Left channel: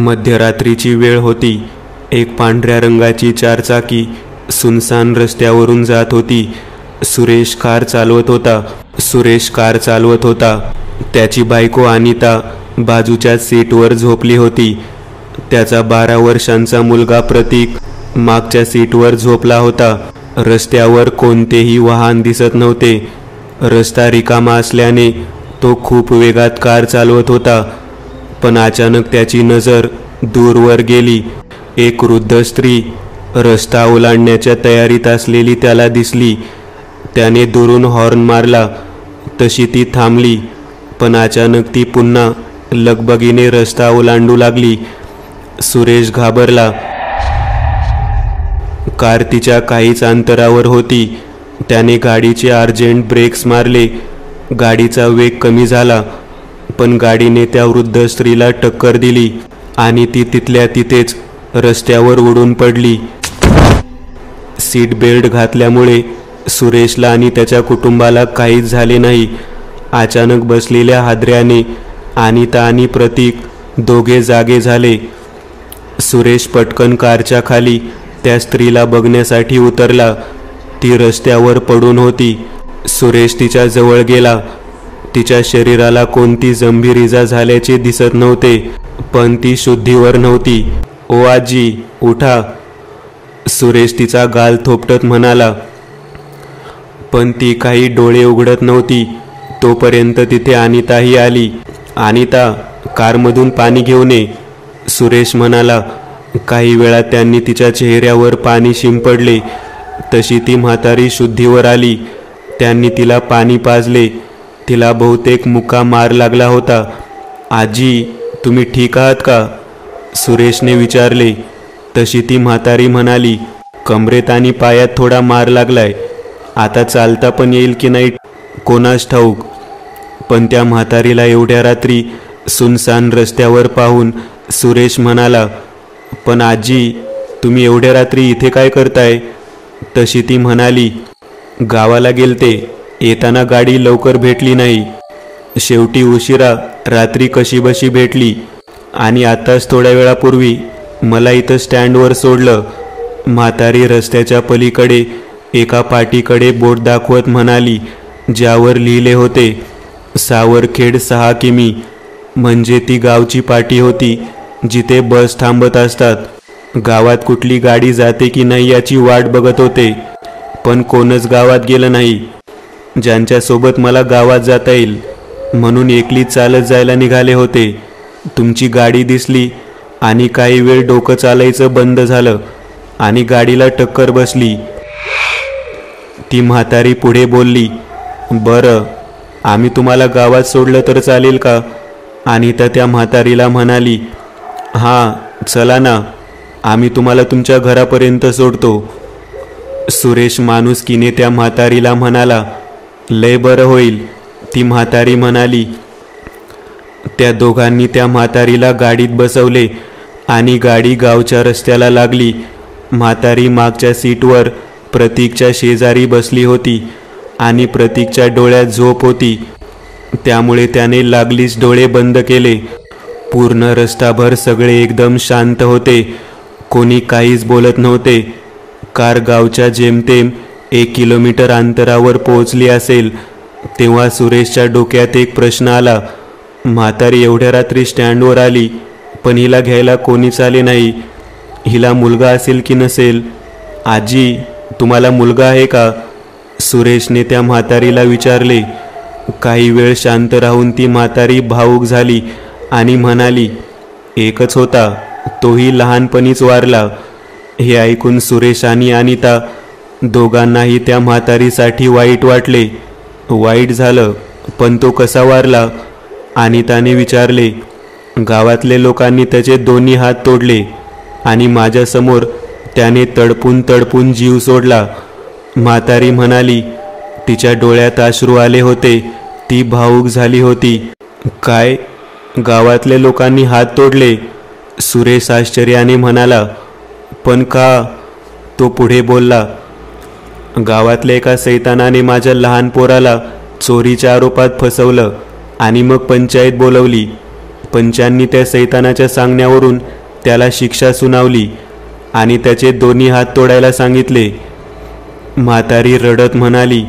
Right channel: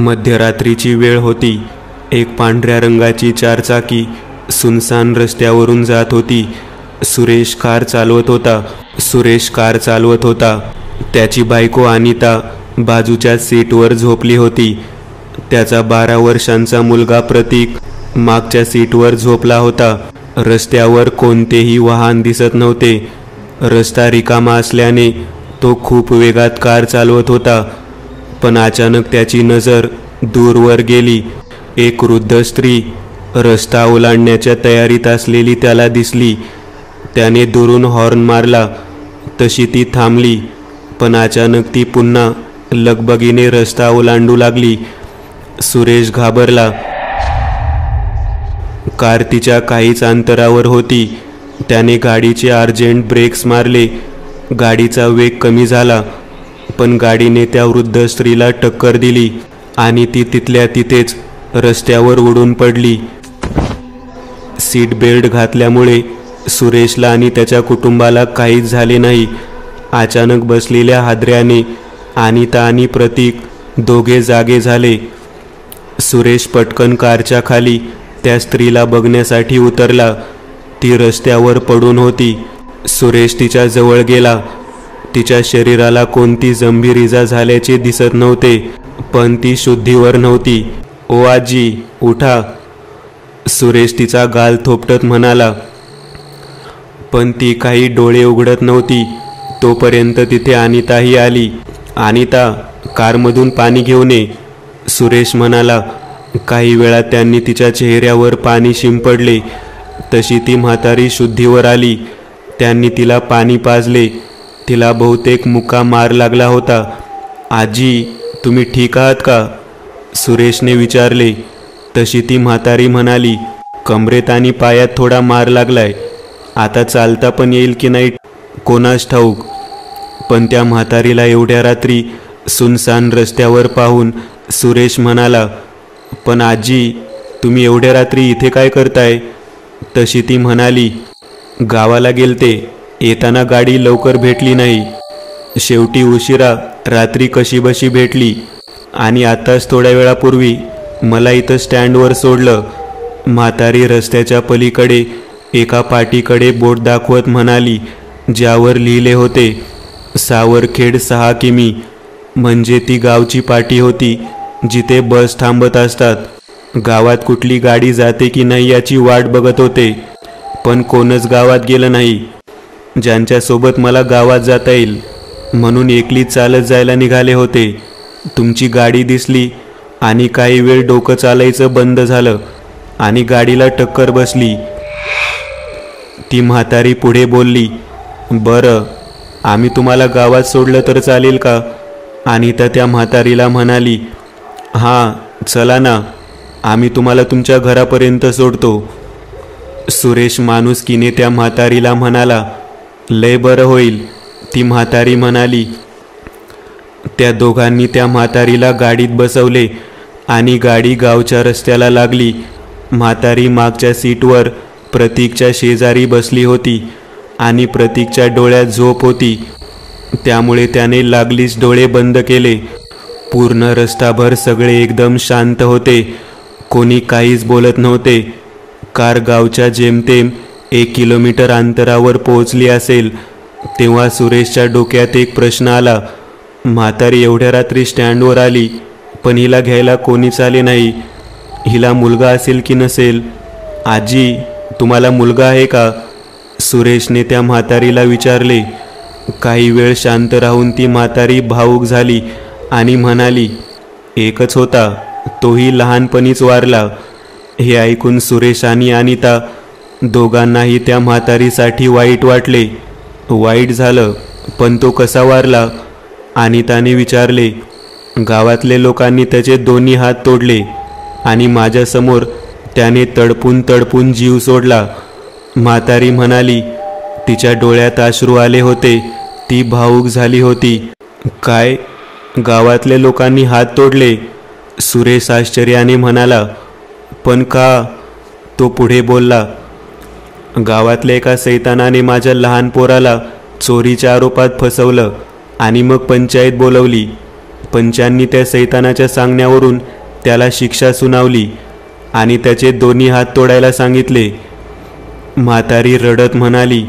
मध्यरात्रीची वेळ होती. एक पांढऱ्या रंगाची चारचाकी सुनसान रस्त्यावरून जात होती. सुरेश कार चालवत होता. त्याची बायको अनिता बाजूच्या सीटवर झोपली होती. त्याचा 12 वर्षांचा मुलगा प्रतीक मागच्या सीटवर झोपला होता. रस्त्यावर कोणतेही वाहन दिसत नव्हते. रस्ता रिकामा असल्याने तो खूप वेगात कार चालवत होता. पण अचानक त्याची नजर दूरवर गेली. एक वृद्ध स्त्री रस्ता ओलांडण्याच्या तयारीत असलेली त्याला दिसली. त्याने दुरून हॉर्न मारला. तशी ती थांबली, पण अचानक ती पुन्हा लगबगीने रस्ता ओलांडू लागली. सुरेश घाबरला. कार तिच्या काहीच अंतरावर होती. त्याने गाडीचे अर्जंट ब्रेक्स मारले. गाडीचा वेग कमी झाला, पण गाडीने त्या वृद्ध स्त्रीला टक्कर दिली आणि ती तिथल्या तिथेच रस्त्यावर उडून पडली. सीट बेल्ट घातल्यामुळे सुरेशला आणि त्याच्या कुटुंबाला काहीच झाले नाही. अचानक बसलेल्या हादऱ्याने अनिता आणि प्रतीक दोघे जागे झाले. सुरेश पटकन कारच्या खाली त्या स्त्रीला बघण्यासाठी उतरला. ती रस्त्यावर पडून होती. सुरेश तिच्या जवळ गेला. तिच्या शरीराला कोणती गंभीर इजा झाल्याचे दिसत नव्हते, पण ती शुद्धीवर नव्हती. "ओ आजी, उठा," सुरेश तिचा गाल थोपटत म्हणाला. पण ती काही डोळे उघडत नव्हती. तोपर्यंत तिथे अनिताही आली. "अनिता, कारमधून पाणी घेऊन ये," सुरेश म्हणाला. काही वेळात त्यांनी तिच्या चेहऱ्यावर पाणी शिंपडले. तशी ती म्हातारी शुद्धीवर आली. त्यांनी तिला पाणी पाजले. तिला बहुतेक मुका मार लागला होता. "आजी, तुम्ही ठीक आहात का?" सुरेशने विचारले. तशी ती म्हातारी म्हणाली, "कमरेत आणि पायात थोडा मार लागलाय. आता चालता पण येईल की नाही कोणास ठाऊक." पण त्या म्हातारीला एवढ्या रात्री सुनसान रस्त्यावर पाहून सुरेश म्हणाला, "पण आजी, तुम्ही एवढ्या रात्री इथे काय करताय?" तशी ती म्हणाली, "गावाला गेलते. येताना गाडी लवकर भेटली नाही. शेवटी उशिरा रात्री कशीबशी भेटली आणि आताच थोड्या वेळापूर्वी मला इथं स्टँडवर सोडलं." म्हातारी रस्त्याच्या पलीकडे एका पाटीकडे बोट दाखवत म्हणाली, ज्यावर लिहिले होते सावरखेड 6 किमी. म्हणजे ती गावची पाटी होती जिथे बस थांबत असतात. गावात कुठली गाडी जाते की नाही याची वाट बघत होते, पण कोणच गावात गेलं नाही. ज्यांच्यासोबत मला गावात जाता येईल म्हणून एकलीच चालत जायला निघाले होते. तुमची गाडी दिसली आणि काही वेळ डोकं चालायचं बंद झालं आणि गाडीला टक्कर बसली." ती म्हातारी पुढे बोलली, "बरं, आम्ही तुम्हाला गावात सोडलं तर चालेल का?" अनिता त्या म्हातारीला म्हणाली, "हां, चला ना, आम्ही तुम्हाला तुमच्या घरापर्यंत सोडतो." सुरेश माणुसकीने त्या म्हातारीला म्हणाला, "लय बरं होईल," ती म्हातारी म्हणाली. त्या दोघांनी त्या म्हातारीला गाडीत बसवले आणि गाडी गावच्या रस्त्याला लागली. म्हातारी मागच्या सीटवर प्रतीकच्या शेजारी बसली होती आणि प्रतीकच्या डोळ्यात झोप होती. त्यामुळे त्याने लागलीच डोळे बंद केले. पूर्ण रस्ताभर सगळे एकदम शांत होते. कोणी काहीच बोलत नव्हते. कार गावच्या जेमतेम 1 किलोमीटर अंतरावर पोहोचली असेल तेव्हा सुरेशच्या डोक्यात एक प्रश्न आला. म्हातारी एवढ्या रात्री स्टँडवर आली, पण हिला घ्यायला कोणीच आले नाही. हिला मुलगा असेल की नसेल? "आजी, तुम्हाला मुलगा आहे का?" सुरेशने त्या म्हातारीला विचारले. काही वेळ शांत राहून ती म्हातारी भावूक झाली आणि म्हणाली, "एकच होता, तोही लहानपणीच वारला." हे ऐकून सुरेश आणि अनिता दोघांनाही त्या म्हातारीसाठी वाईट वाटले. "वाईट झालं, पण तो कसा वारला?" अनिताने विचारले. "गावातले लोकांनी त्याचे दोन्ही हात तोडले आणि माझ्यासमोर त्याने तडपून तडपून जीव सोडला." म्हातारी म्हणाली. तिच्या डोळ्यात अश्रू आले होते. ती भावूक झाली होती. "काय? गावातले लोकांनी हात तोडले?" सुरेश आश्चर्याने म्हणाला. "पण का?" तो पुढे बोलला, "गावातल्या एका सैतानाने माझ्या लहान पोराला चोरीच्या आरोपात फसवलं आणि मग पंचायत बोलवली. पंचांनी त्या सैतानाच्या सांगण्यावरून त्याला शिक्षा सुनावली आणि त्याचे दोन्ही हात तोडायला सांगितले. म्हातारी रडत म्हणाली.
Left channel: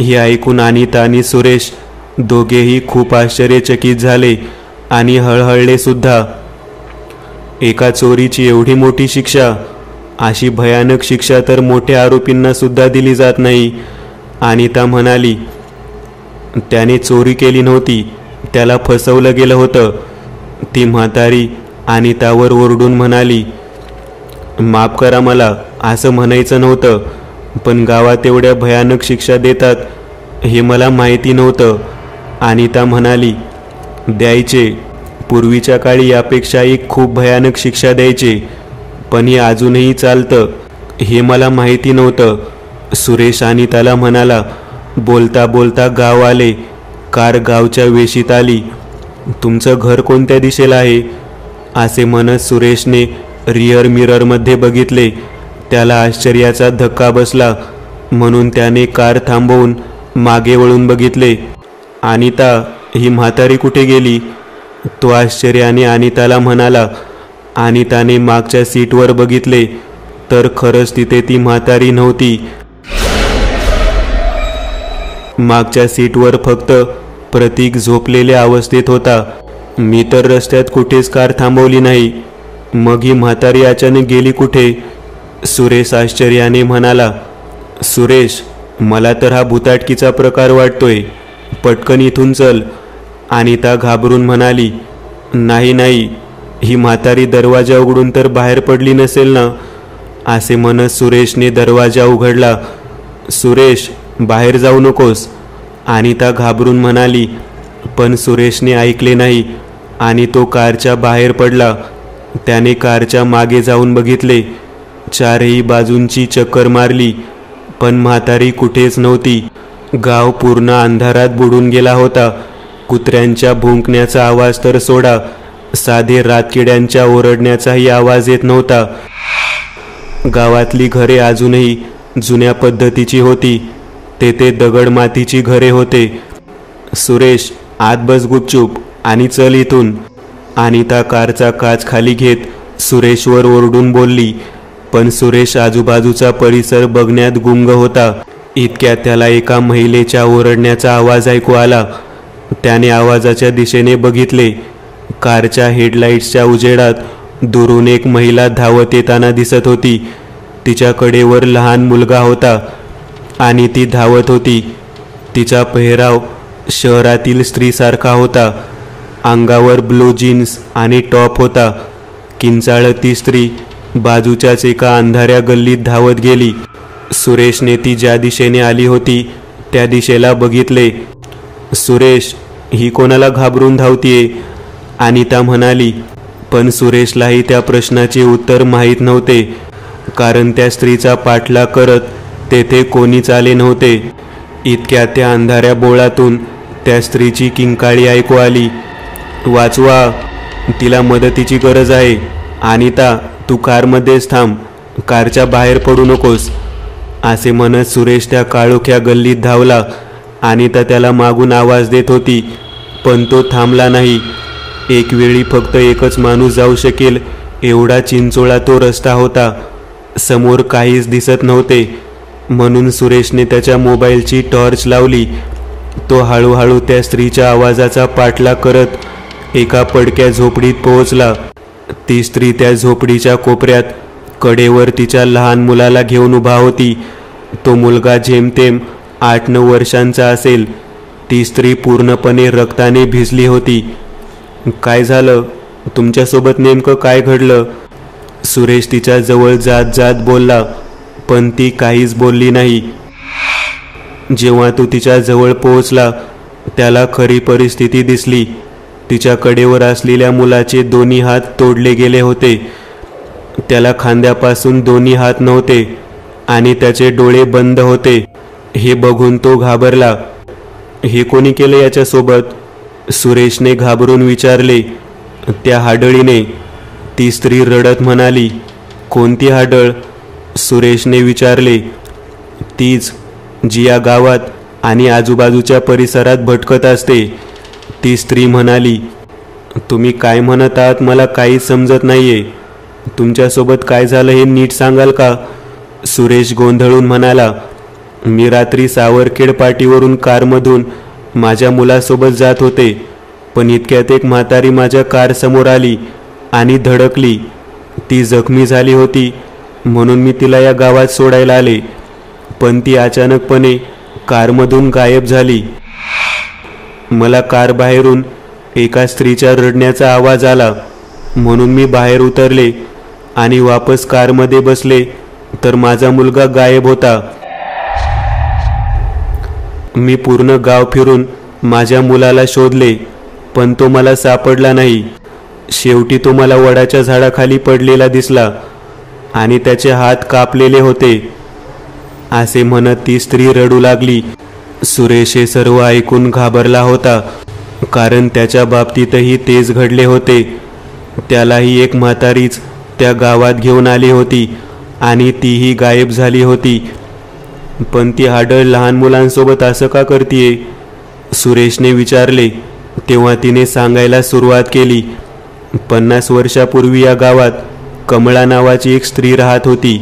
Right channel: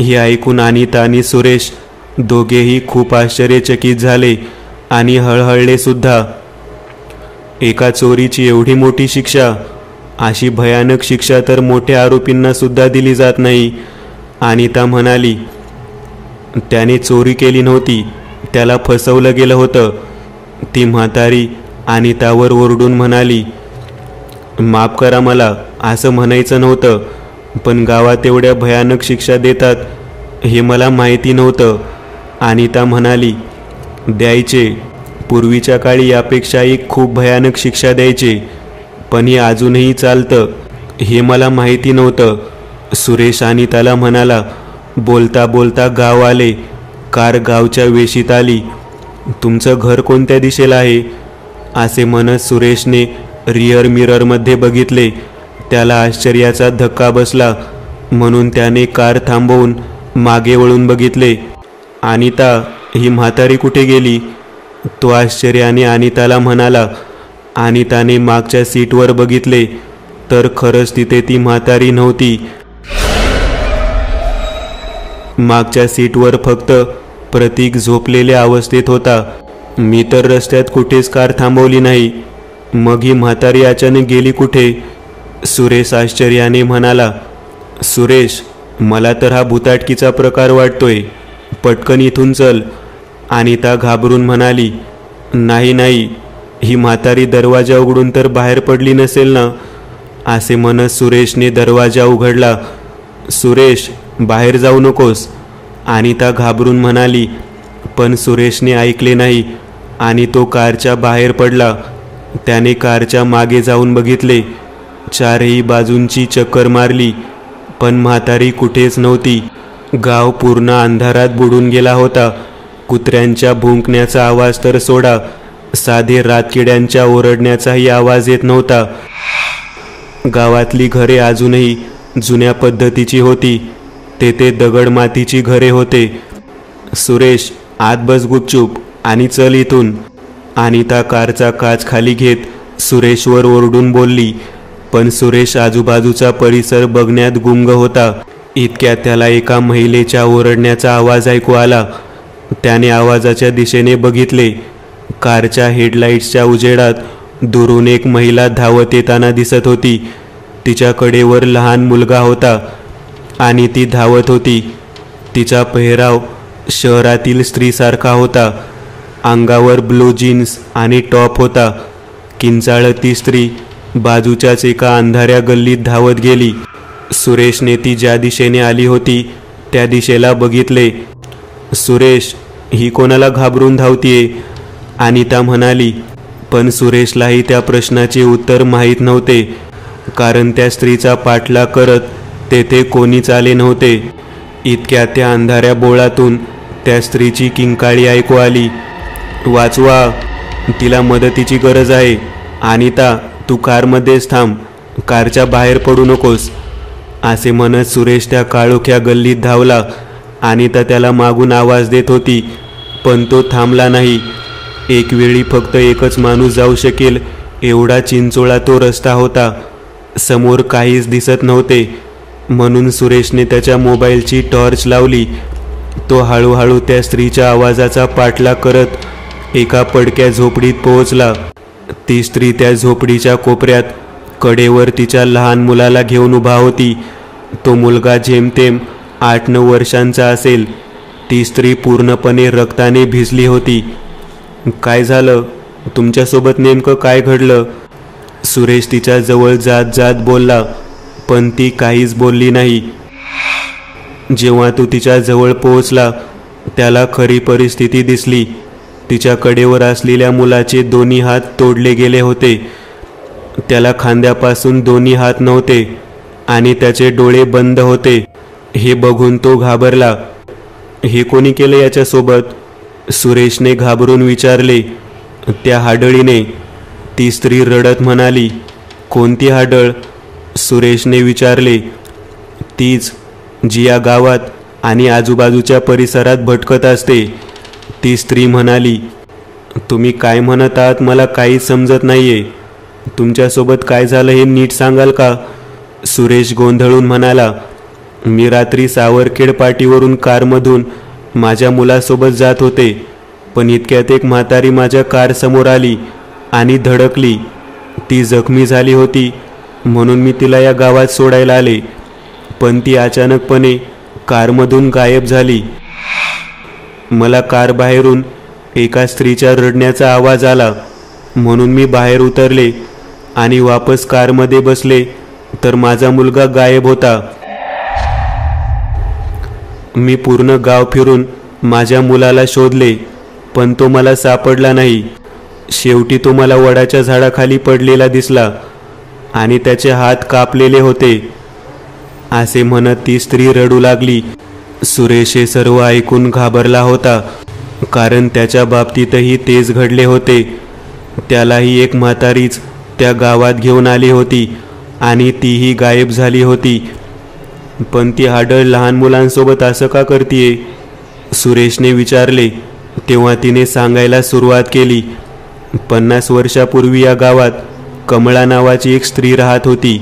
हे ऐकून अनिता आणि सुरेश दोघेही खूप आश्चर्यचकित झाले आणि हळहळले सुद्धा. एका चोरीची एवढी मोठी शिक्षा, अशी भयानक शिक्षा तर मोठ्या आरोपींना सुद्धा दिली जात नाही. अनिता म्हणाली, त्याने चोरी केली नव्हती, त्याला फसवलं गेलं होतं. ती म्हातारी अनितावर ओरडून म्हणाली, माफ करा, मला असं म्हणायचं नव्हतं, पण गावात एवढ्या भयानक शिक्षा देतात हे मला माहिती नव्हतं. अनिता म्हणाली, द्यायचे, पूर्वीच्या काळी यापेक्षाही खूप भयानक शिक्षा द्यायचे, पण हे अजूनही चालतं हे मला माहिती नव्हतं. सुरेश अनिताला म्हणाला. बोलता बोलता गाव आले. कार गावच्या वेशीत आली. तुमचं घर कोणत्या दिशेला आहे असे म्हणत सुरेशने रिअर मिररमध्ये बघितले. त्याला आश्चर्याचा धक्का बसला, म्हणून त्याने कार थांबवून मागे वळून बघितले. अनिता, ही म्हातारी कुठे गेली? तो आश्चर्याने अनिताला म्हणाला. अनिताने मागच्या सीटवर बघितले तर खरंच तिथे ती म्हातारी नव्हती. मागच्या सीटवर फक्त प्रतीक झोपलेल्या अवस्थेत होता. मी तर रस्त्यात कुठेच कार थांबवली नाही, मग ही म्हातारी अचानक गेली कुठे? सुरेश आश्चर्याने म्हणाला. सुरेश, मला तर हा भुताटकीचा प्रकार वाटतोय, पटकन इथून चल. अनिता घाबरून म्हणाली. नाही नाही, ही म्हातारी दरवाजा उघडून तर बाहेर पडली नसेल ना? असे म्हणत सुरेशने दरवाजा उघडला. सुरेश, बाहेर जाऊ नकोस, अनिता घाबरून म्हणाली. पण सुरेशने ऐकले नाही आणि तो कारच्या बाहेर पडला. त्याने कारच्या मागे जाऊन बघितले. चारही बाजूंची चक्कर मारली, पण म्हातारी कुठेच नव्हती. गाव पूर्ण अंधारात बुडून गेला होता. कुत्र्यांच्या भुंकण्याचा आवाज तर सोडा, साधे रातकिड्यांच्या ओरडण्याचाही आवाज येत नव्हता. गावातली घरे अजूनही जुन्या पद्धतीची होती. तेथे दगड मातीची घरे होते. सुरेश, आत बस गुपचूप आणि चल इथून. अनिता कारचा काच खाली घेत सुरेशवर ओरडून बोलली, पण सुरेश आजूबाजूचा परिसर बघण्यात गुंग होता. इतक्यात त्याला एका महिलेच्या ओरडण्याचा आवाज ऐकू आला. त्याने आवाजाच्या दिशेने बघितले. कारच्या हेडलाईट्सच्या उजेडात दुरून एक महिला धावत येताना दिसत होती. तिच्या कडेवर लहान मुलगा होता आणि ती धावत होती. तिचा पेहराव शहरातील स्त्रीसारखा होता. अंगावर ब्लू जीन्स आणि टॉप होता. किंचाळत ती स्त्री बाजूच्याच एका अंधाऱ्या गल्लीत धावत गेली. सुरेशने ती ज्या दिशेने आली होती त्या दिशेला बघितले. सुरेश, ही कोणाला घाबरून धावतीये? अनिता म्हणाली. पण सुरेशलाही त्या प्रश्नाचे उत्तर माहीत नव्हते, कारण त्या स्त्रीचा पाठलाग करत तेथे कोणीच आले नव्हते. इतक्या त्या अंधाऱ्या बोळातून त्या स्त्रीची किंकाळी ऐकू आली. वाचवा, तिला मदतीची गरज आहे. अनिता, तू कारमध्येच थांब, कारच्या बाहेर पडू नकोस. असे म्हणत सुरेश त्या काळोख्या गल्लीत धावला. अनिता त्याला मागून आवाज देत होती, पण तो थांबला नाही. एक वेळी फक्त एकच माणूस जाऊ शकेल एवढा चिंचोळा तो रस्ता होता. समोर काहीच दिसत नव्हते, म्हणून सुरेशने त्याच्या मोबाईलची टॉर्च लावली. तो हळूहळू त्या स्त्रीच्या आवाजाचा पाठलाग करत एका पडक्या झोपडीत पोहोचला. ती स्त्री त्या झोपडीच्या कोपऱ्यात कडेवर तिच्या लहान मुलाला घेऊन उभा होती. तो मुलगा जेमतेम 8-9 वर्षांचा असेल. ती स्त्री पूर्णपणे रक्ताने भिजली होती. काय झालं? तुमच्यासोबत नेमकं काय घडलं? सुरेश तिच्या जवळ जात जात बोलला, पण ती काहीच बोलली नाही. जेव्हा तो तिच्या जवळ पोहोचला त्याला खरी परिस्थिती दिसली. तिच्या कडेवर असलेल्या मुलाचे दोन्ही हात तोडले गेले होते. त्याला खांद्यापासून दोन्ही हात नव्हते आणि त्याचे डोळे बंद होते. हे बघून तो घाबरला. हे कोणी केले याच्यासोबत? सुरेशने घाबरून विचारले. त्या हाडळीने, ती स्त्री रडत म्हणाली. कोणती हाडळ? सुरेशने विचारले. तीच जी या गावात आणि आजूबाजूच्या परिसरात भटकत असते, ती स्त्री म्हणाली. तुम्ही काय म्हणत आहात मला काही समजत नाहीये. तुमच्यासोबत काय झालं हे नीट सांगाल का? सुरेश गोंधळून म्हणाला. मी रात्री सावरखेड पाटीवरून कारमधून माझ्या मुलासोबत जात होते, पण इतक्यात एक म्हातारी माझ्या कार समोर आली आणि धडकली. ती जखमी झाली होती म्हणून मी तिला या गावात सोडायला आले, पण ती अचानकपणे कारमधून गायब झाली. मला कार बाहेरून एका स्त्रीच्या रडण्याचा आवाज आला म्हणून मी बाहेर उतरले आणि वापस कारमध्ये बसले तर माझा मुलगा गायब होता. मी पूर्ण गाव फिरून माझ्या मुलाला शोधले, पण तो मला सापडला नाही. शेवटी तो मला वडाच्या झाडाखाली पडलेला दिसला आणि त्याचे हात कापलेले होते. असे म्हणत ती स्त्री रडू लागली. सुरेश हे सर्व ऐकून घाबरला होता, कारण त्याच्या बाबतीतही तेच घडले होते. त्यालाही एक म्हातारीच त्या गावात घेऊन आली होती आणि तीही गायब झाली होती. पण ती हाडळ लहान मुलांसोबत असं का करतीये? सुरेशने विचारले. तेव्हा तिने सांगायला सुरुवात केली. 50 वर्षापूर्वी या गावात कमळा नावाची एक स्त्री राहत होती.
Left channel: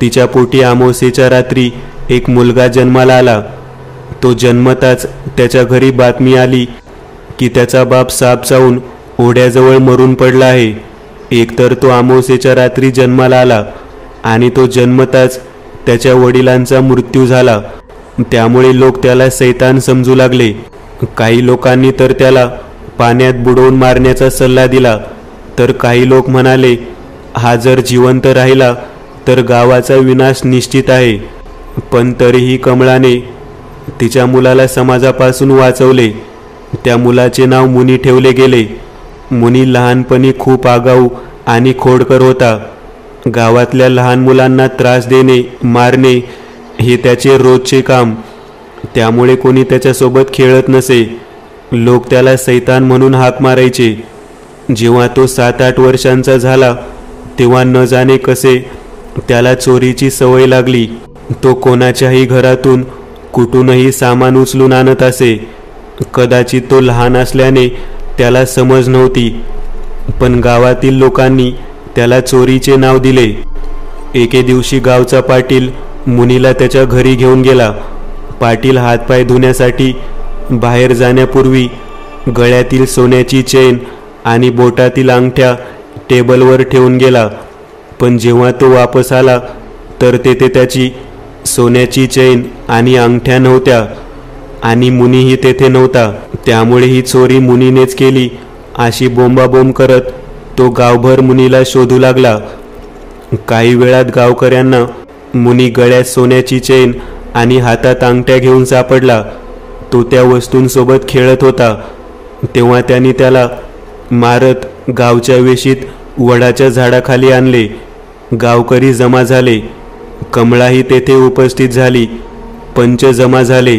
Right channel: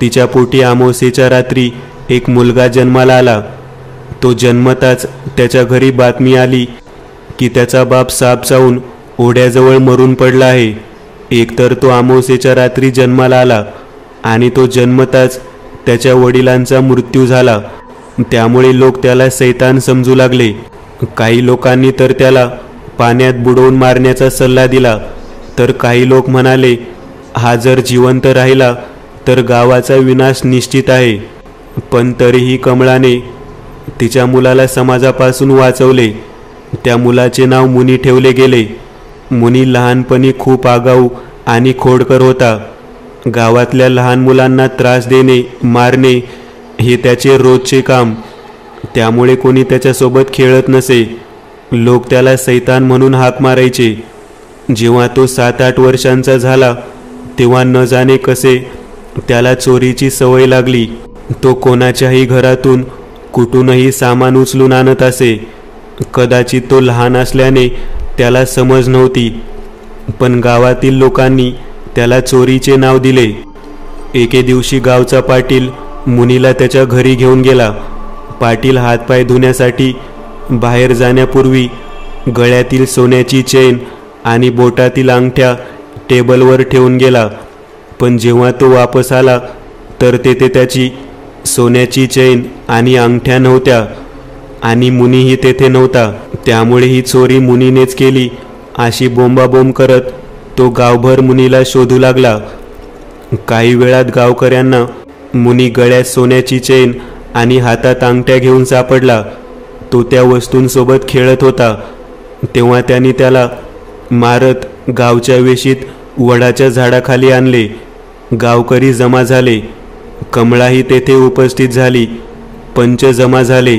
तिच्या पोटी अमावास्येच्या रात्री एक मुलगा जन्माला आला. तो जन्मताच त्याच्या घरी बातमी आली की त्याचा बाप साप चावून ओढ्याजवळ मरून पडला आहे. एकतर तो अमावास्येच्या रात्री जन्माला आला आणि तो जन्मताच त्याच्या वडिलांचा मृत्यू झाला. त्यामुळे लोक त्याला शैतान समजू लागले. काही लोकांनी तर त्याला पाण्यात बुडवून मारण्याचा सल्ला दिला, तर काही लोक म्हणाले हा जर जिवंत राहिला तर गावाचा विनाश निश्चित आहे. पण तरीही कमळाने तिच्या मुलाला समाजापासून वाचवले. त्या मुलाचे नाव मुनी ठेवले गेले. मुनी लहानपणी खूप आगाऊ आणि खोडकर होता. गावातल्या लहान मुलांना त्रास देणे, मारणे हे त्याचे रोजचे काम. त्यामुळे कोणी त्याच्यासोबत खेळत नसे. लोक त्याला शैतान म्हणून हाक मारायचे. जेव्हा तो 7-8 वर्षांचा झाला तेव्हा न जाणे कसे त्याला चोरीची सवय लागली. तो कोणाच्याही घरातून कुठूनही सामान उचलून आणत असे. कदाचित तो लहान असल्याने त्याला समज नव्हती, पण गावातील लोकांनी त्याला चोरीचे नाव दिले. एके दिवशी गावचा पाटील मुनीला त्याच्या घरी घेऊन गेला. पाटील हातपाय धुण्यासाठी बाहेर जाण्यापूर्वी गळ्यातील सोन्याची चेन आणि बोटातील अंगठ्या टेबलवर ठेवून गेला. पण जेव्हा तो वापस आला तर तेथे त्याची सोन्याची चेन आणि अंगठ्या नव्हत्या आणि मुनीही तेथे नव्हता. त्यामुळे ही चोरी मुनीनेच केली अशी बोंबाबोंब करत तो गावभर मुनीला शोधू लागला. काही वेळात गावकऱ्यांना मुनी गळ्यात सोन्याची चेन आणि हातात अंगठ्या घेऊन सापडला. तो त्या वस्तूंसोबत खेळत होता. तेव्हा त्यांनी त्याला मारत गावच्या वेशीत वडाच्या झाडाखाली आणले. गावकरी जमा झाले. कमळाही तेथे उपस्थित झाली. पंच जमा झाले.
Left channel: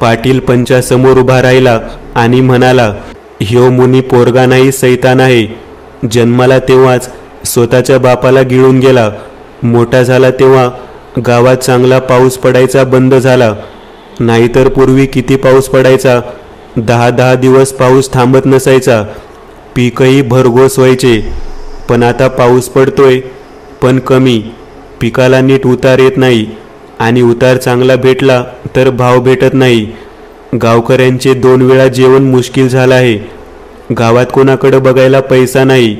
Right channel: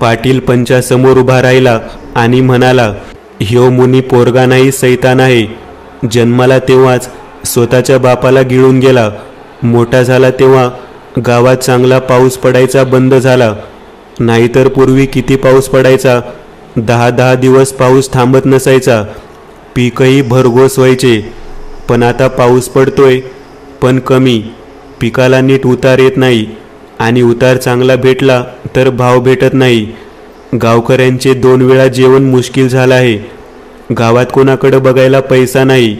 पाटील पंचासमोर उभा राहिला आणि म्हणाला, ह्यो मुनी पोरगा नाही, शैतान आहे. जन्माला तेव्हाच स्वतःच्या बापाला गिळून गेला. मोठा झाला तेव्हा गावात चांगला पाऊस पडायचा बंद झाला. नाहीतर पूर्वी किती पाऊस पडायचा. 10-10 दिवस पाऊस थांबत नसायचा. पीकही भरघोस व्हायचे. पण आता पाऊस पडतोय पण कमी. पिकाला नीट उतार येत नाही आणि उतार चांगला भेटला तर भाव भेटत नाही. गावकऱ्यांचे 2 वेळा जेवण मुश्किल झालं आहे. गावात कोणाकडे बघायला पैसा नाही.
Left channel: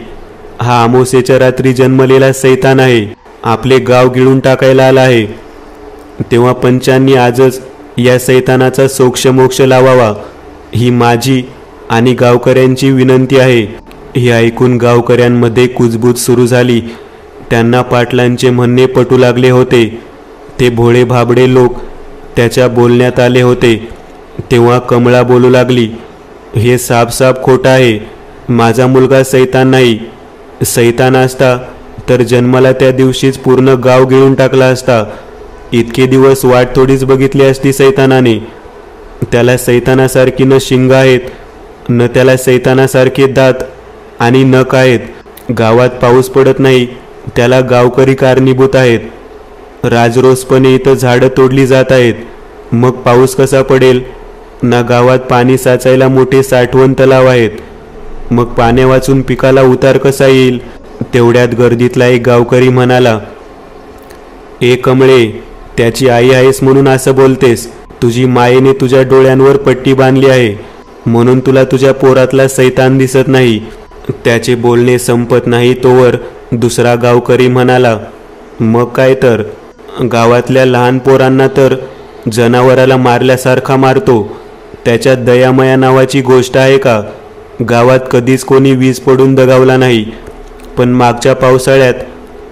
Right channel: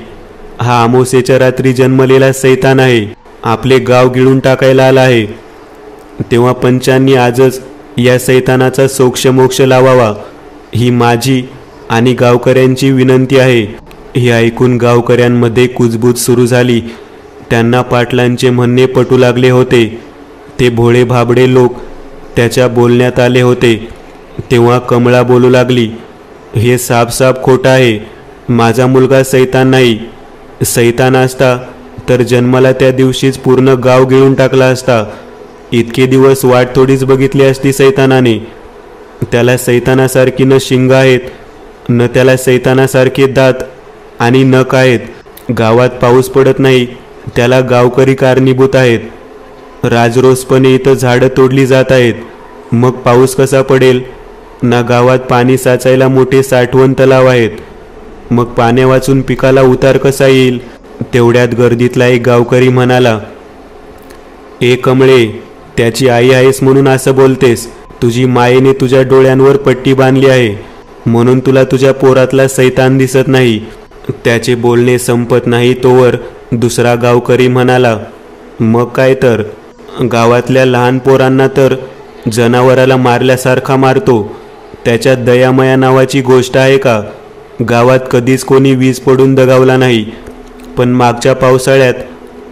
हा अमावास्येच्या रात्री जन्मलेला शैतान आहे. आपले गाव गिळून टाकायला आला आहे. तेव्हा पंचांनी आजच या शैतानाचा सोक्षमोक्ष लावावा ही माझी आणि गावकऱ्यांची विनंती आहे. हे ऐकून गावकऱ्यांमध्ये कुजबूज सुरू झाली. त्यांना पाटलांचे म्हणणे पटू लागले होते. ते भोळे भाबडे लोक त्याच्या बोलण्यात आले होते. तेव्हा कमळा बोलू लागली, हे साफ खोटं आहे. माझा मुलगा शैतान नाही. शैतान असता तर जन्माला त्या दिवशीच पूर्ण गाव गिळून टाकला असता. इतके दिवस वाट थोडीच बघितली असती शैतानाने. त्याला शैतानासारखी न शिंग आहेत, न त्याला शैतानासारखे दात आणि नख आहेत. गावात पाऊस पडत नाही त्याला गावकरी कारणीभूत आहेत. राजरोसपणे इथं झाडं तोडली जात आहेत. मग पाऊस कसा पडेल? ना गावात पाणी साचायला मोठे साठवण तलाव आहेत. मग पाण्या वाचून पिकाला उतार कसा येईल? तेवढ्यात गर्दीतला एक गावकरी म्हणाला, ए कमळे, त्याची आई आहेस म्हणून असं बोलतेस? तुझी मायेने तुझ्या डोळ्यांवर पट्टी बांधली आहे म्हणून तुला तुझ्या पोरातला सैतान दिसत नाही. त्याचे बोलणे संपत नाही तोवर दुसरा गावकरी म्हणाला, मग काय तर, गावातल्या लहान पोरांना तर जनावराला मारल्यासारखा मारतो. त्याच्यात दयामया नावाची गोष्ट आहे का? गावात कधीच कोणी वीज पडून दगावला नाही, पण मागच्या पावसाळ्यात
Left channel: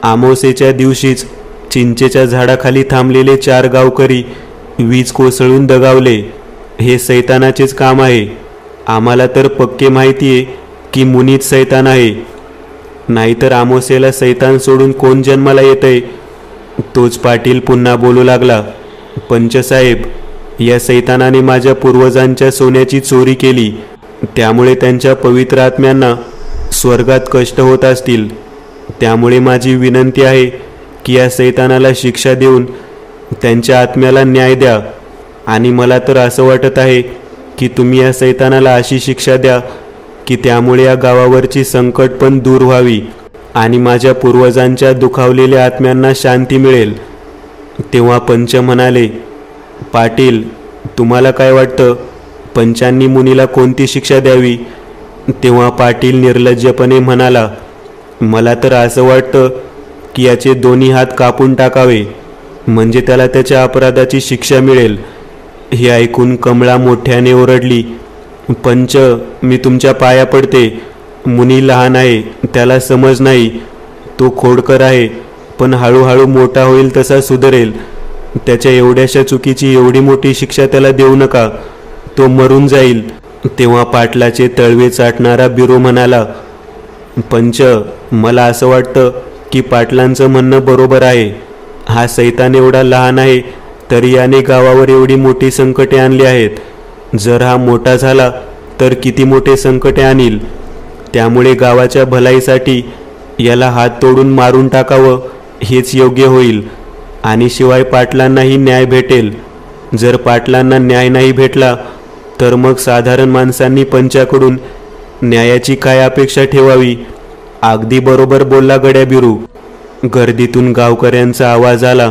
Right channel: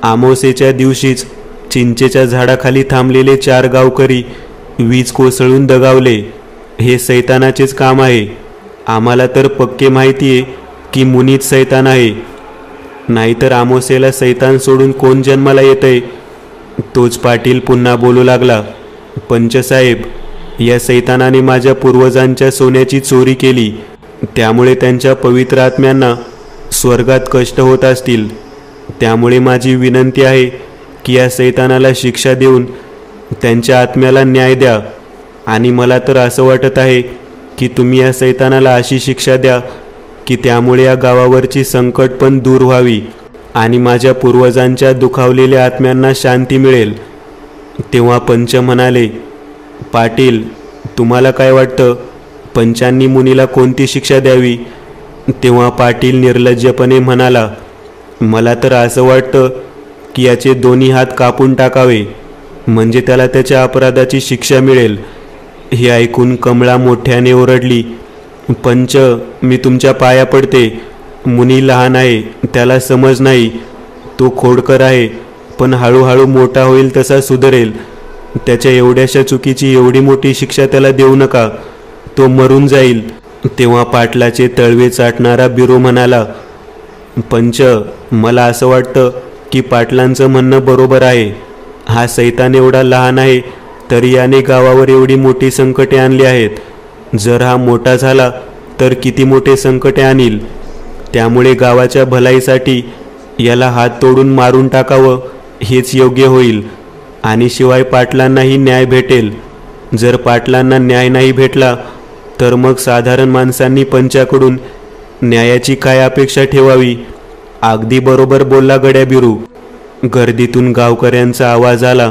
अमावास्येच्या दिवशीच चिंचेच्या झाडाखाली थांबलेले 4 गावकरी वीज कोसळून दगावले. हे सैतानाचेच काम आहे. आम्हाला तर पक्के माहितीये की मुनीच सैतान आहे. नाहीतर अमावास्येला सैतान सोडून कोण जन्माला येतंय? तोच पाटील पुन्हा बोलू लागला, पंचसाहेब, या सैतानाने माझ्या पूर्वजांच्या सोन्याची चोरी केली. त्यामुळे त्यांच्या पवित्र आत्म्यांना स्वर्गात कष्ट होत असतील. त्यामुळे माझी विनंती आहे की या सैतानाला शिक्षा देऊन त्यांच्या आत्म्याला न्याय द्या. आणि मला तर असं वाटत आहे की तुम्ही या सैतानाला अशी शिक्षा द्या की त्यामुळे या गावावरची संकट पण दूर व्हावी आणि माझ्या पूर्वजांच्या दुखावलेल्या आत्म्यांना शांती मिळेल. तेव्हा पंच म्हणाले, पाटील, तुम्हाला काय वाटतं, पंचांनी मुनीला कोणती शिक्षा द्यावी? तेव्हा पाटील निर्लज्जपणे म्हणाला, मला तर असं वाटतं की याचे दोन्ही हात कापून टाकावे, म्हणजे त्याला त्याच्या अपराधाची शिक्षा मिळेल. हे ऐकून कमळा मोठ्याने ओरडली, पंच, मी तुमच्या पाया पडते. मुनी लहान आहे, त्याला समज नाही. तो खोडकर आहे, पण हळूहळू मोठा होईल तसा सुधरेल. त्याच्या एवढ्याशा चुकीची एवढी मोठी शिक्षा त्याला देऊ नका, तो मरून जाईल. तेव्हा पाटलाचे तळवे चाटणारा बिरू म्हणाला, पंच, मला असं वाटतं की पाटलांचं म्हणणं बरोबर आहे. हा सैतान एवढा लहान आहे तरी याने गावावर एवढी मोठी संकटे आणली आहेत. जर हा मोठा झाला तर किती मोठे संकटे आणील. त्यामुळे गावाच्या भलाईसाठी याला हात तोडून मारून टाकावं हेच योग्य होईल. आणि शिवाय पाटलांनाही न्याय भेटेल. जर पाटलांना न्याय नाही भेटला तर मग साधारण माणसांनी पंचाकडून न्यायाची काय अपेक्षा ठेवावी? अगदी बरोबर बोलला गड्या बिरू. गर्दीतून गावकऱ्यांचा आवाज आला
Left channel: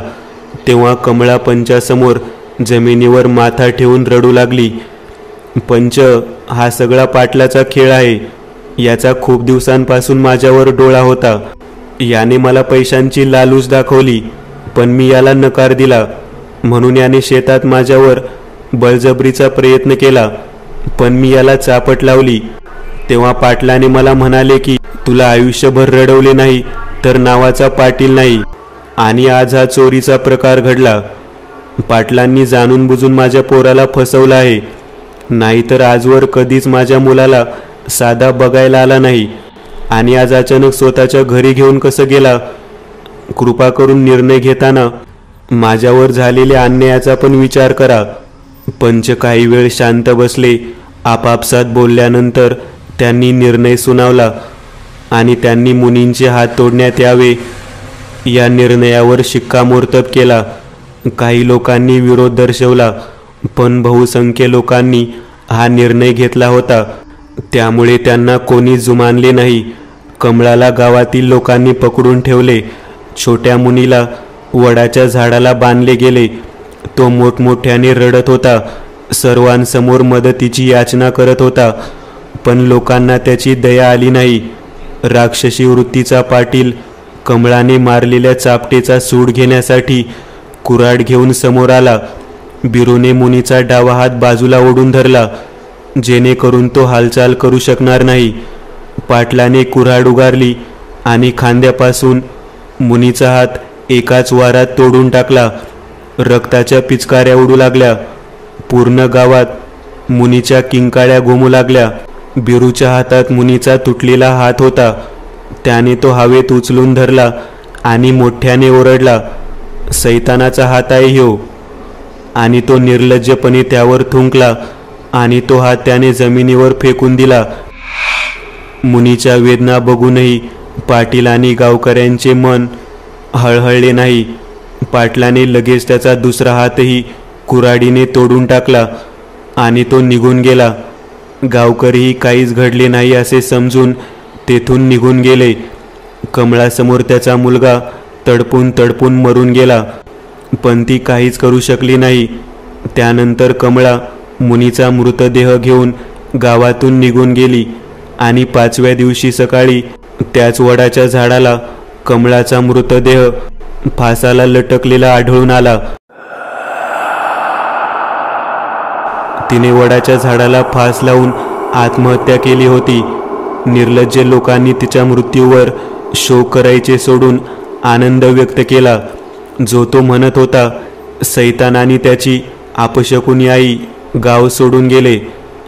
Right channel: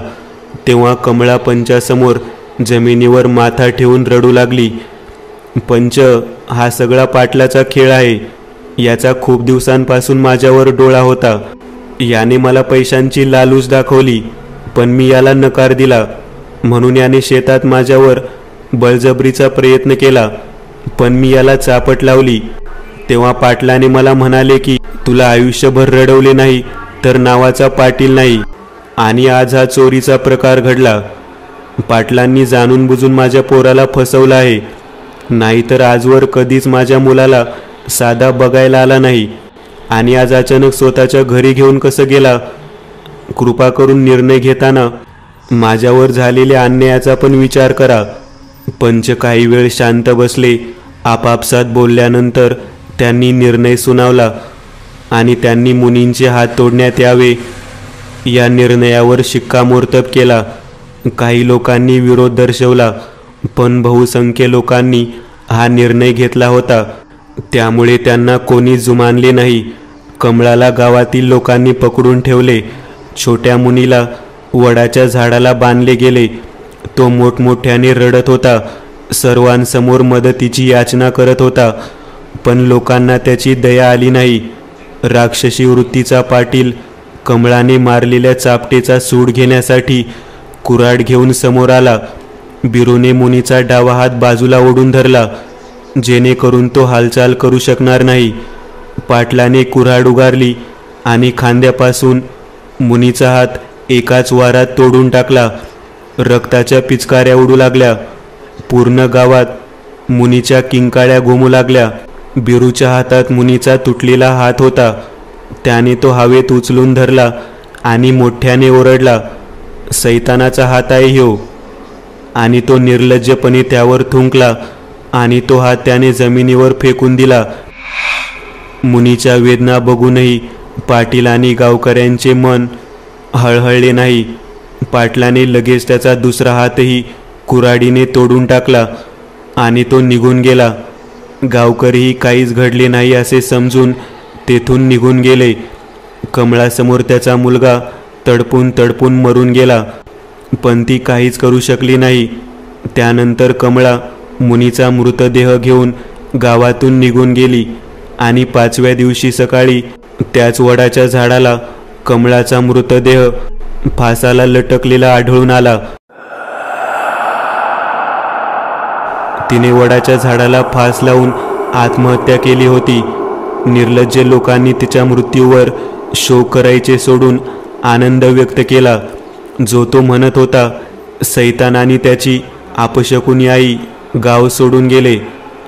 तेव्हा कमळा पंचासमोर जमिनीवर माथा ठेवून रडू लागली. पंच, हा सगळा पाटलाचा खेळ आहे. याचा खूप दिवसांपासून माझ्यावर डोळा होता. याने मला पैशांची लालूच दाखवली, पण मी याला नकार दिला. म्हणून याने शेतात माझ्यावर बळजबरीचा प्रयत्न केला, पण मी याला चापट लावली. तेव्हा पाटलाने मला म्हणाले की तुला आयुष्यभर रडवले नाही तर नावाचा पाटील नाही. आणि आज हा चोरीचा प्रकार घडला. पाटलांनी जाणून बुजून माझ्या पोराला फसवलं आहे. नाहीतर आजवर कधीच माझ्या मुलाला साधा बघायला आला नाही. आणि आज अचानक स्वतःच्या घरी घेऊन कसं गेला? कृपा करून निर्णय घेताना माझ्यावर झालेल्या अन्यायाचा पण विचार करा. पंच काही वेळ शांत बसले. आपापसात बोलल्यानंतर त्यांनी निर्णय सुनावला आणि त्यांनी मुनींचे हात तोडण्यात यावे या निर्णयावर शिक्कामोर्तब केला. काही लोकांनी विरोध दर्शवला, पण बहुसंख्य लोकांनी हा निर्णय घेतला होता. त्यामुळे त्यांना कोणी जुमानले नाही. कमळाला गावातील लोकांनी पकडून ठेवले. छोट्या मुनीला वडाच्या झाडाला बांधले गेले. तो मोठमोठ्याने रडत होता. सर्वांसमोर मदतीची याचना करत होता, पण लोकांना त्याची दया आली नाही. राक्षसी वृत्तीचा पाटील कमळाने मारलेल्या चापटेचा सूड घेण्यासाठी कुऱ्हाड घेऊन समोर आला. बिरूने मुनीचा डावा हात बाजूला ओढून धरला, जेणेकरून तो हालचाल करू शकणार नाही. पाटलाने कुऱ्हाड उगारली आणि खांद्यापासून मुनीचा हात एकाच वारात तोडून टाकला. रक्ताच्या पिचकाऱ्या उडू लागल्या. पूर्ण गावात मुनीच्या किंकाळ्या घुमू लागल्या. बिरूच्या हातात मुनीचा तुटलेला हात होता. त्याने तो हवेत उचलून धरला आणि मोठ्याने ओरडला, सैतानाचा हात आहे ह्यो. आणि तो निर्लज्जपणे त्यावर थुंकला आणि तो हात त्याने जमिनीवर फेकून दिला. मुनीच्या वेदना बघूनही पाटील आणि गावकऱ्यांचे मन हळहळले नाही. पाटलाने लगेच त्याचा दुसरा हातही कुऱ्हाडीने तोडून टाकला आणि तो निघून गेला. गावकरीही काहीच घडले नाही असे समजून तेथून निघून गेले. कमळासमोर त्याचा मुलगा तडपून तडपून मरून गेला, पण ती काहीच करू शकली नाही. त्यानंतर कमळा मुनीचा मृतदेह घेऊन गावातून निघून गेली आणि 5व्या दिवशी सकाळी त्याच वडाच्या झाडाला कमळाचा मृतदेह फासाला लटकलेला आढळून आला. तिने वडाच्या झाडाला फास लावून आत्महत्या केली होती. निर्लज्ज लोकांनी तिच्या मृत्यूवर शोक करायचे सोडून आनंद व्यक्त केला. जो तो म्हणत होता, सैतान आणि त्याची अपशकुनी आई गाव सोडून गेले,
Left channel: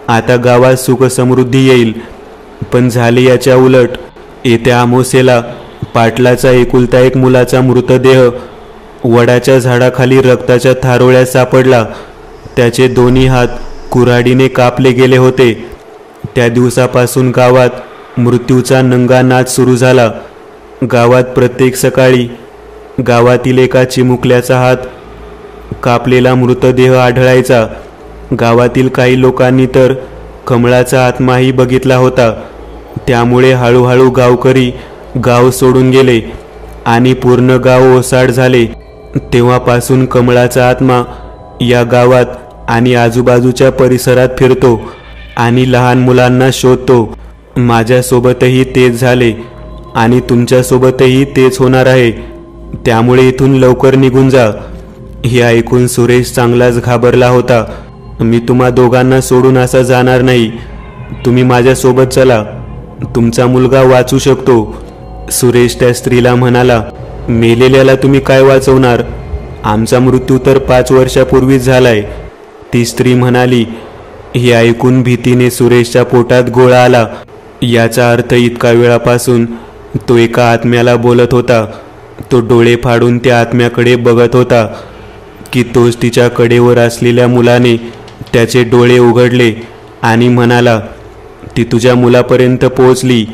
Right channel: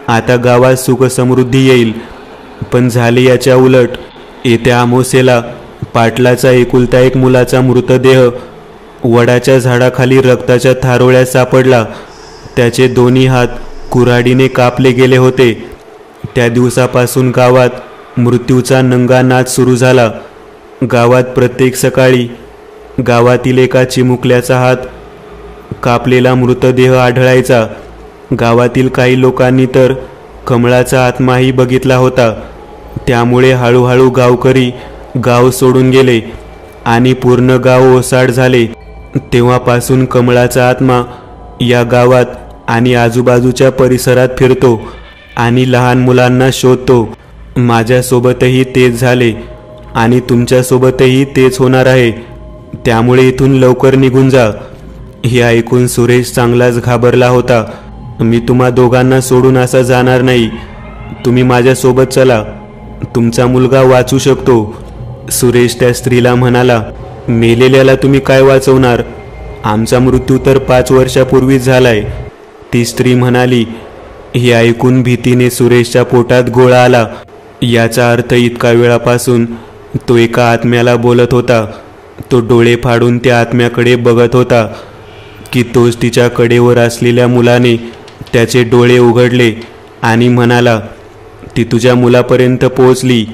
आता गावात सुख समृद्धी येईल. पण झाले याच्या उलट. येत्या अमावास्येला पाटलाचा एकुलता एक मुलाचा मृतदेह वडाच्या झाडाखाली रक्ताच्या थारोळ्यात सापडला. त्याचे दोन्ही हात कुऱ्हाडीने कापले गेले होते. त्या दिवसापासून गावात मृत्यूचा नंगा नाच सुरू झाला. गावात प्रत्येक सकाळी गावातील एका चिमुकल्याचा हात कापलेला मृतदेह आढळायचा. गावातील काही लोकांनी तर कमळाचा आत्माही बघितला होता. त्यामुळे हळूहळू गावकरी गाव सोडून गेले आणि पूर्ण गाव ओसाड झाले. तेव्हापासून कमळाचा आत्मा या गावात आणि आजूबाजूच्या परिसरात फिरतो आणि लहान मुलांना शोधतो. माझ्यासोबतही तेच झाले आणि तुमच्यासोबतही तेच होणार आहे. त्यामुळे इथून लवकर निघून जा. हे ऐकून सुरेश चांगलाच घाबरला होता. मी तुम्हा दोघांना सोडून असं जाणार नाही. तुम्ही माझ्यासोबत चला, तुमचा मुलगा वाचू शकतो. सुरेश त्या स्त्रीला म्हणाला, मेलेल्याला तुम्ही काय वाचवणार? आमचा मृत्यू तर 5 वर्षापूर्वीच झालाय. ती स्त्री म्हणाली. हे ऐकून भीतीने सुरेशच्या पोटात गोळा आला. याचा अर्थ इतका वेळापासून तो एका आत्म्याला बोलत होता. तो डोळे फाडून त्या आत्म्याकडे बघत होता की तोच तिच्या कडेवर असलेल्या मुलाने त्याचे डोळे उघडले आणि म्हणाला, ती तुझ्या मुलापर्यंत पोहोचली,